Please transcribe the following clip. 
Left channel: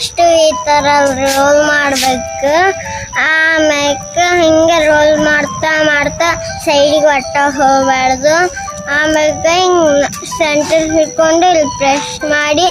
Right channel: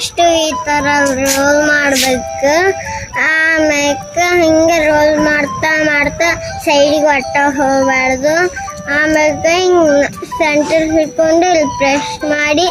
First ಈ ತರ roll ಮಾಡ್ಬೇಕು. ಆಮ್ಯಾಕ ಹಿಂಗ ರೋಲ್ ಮಾಡ್ತಾ ಮಾಡ್ತಾ ಸೈಡಿಗೆ ಒಟ್ಟ ಹೋಗ್ಬಾರ್ದು. ಆಮ್ಯಾಗ ಹಿಂಗ್ ಸೆಂಟರ್ ಹಿಡ್ಕೊಂಡು ಇಲ್ಲಿ ಪ್ರೆಸ್ ಮಾಡಿ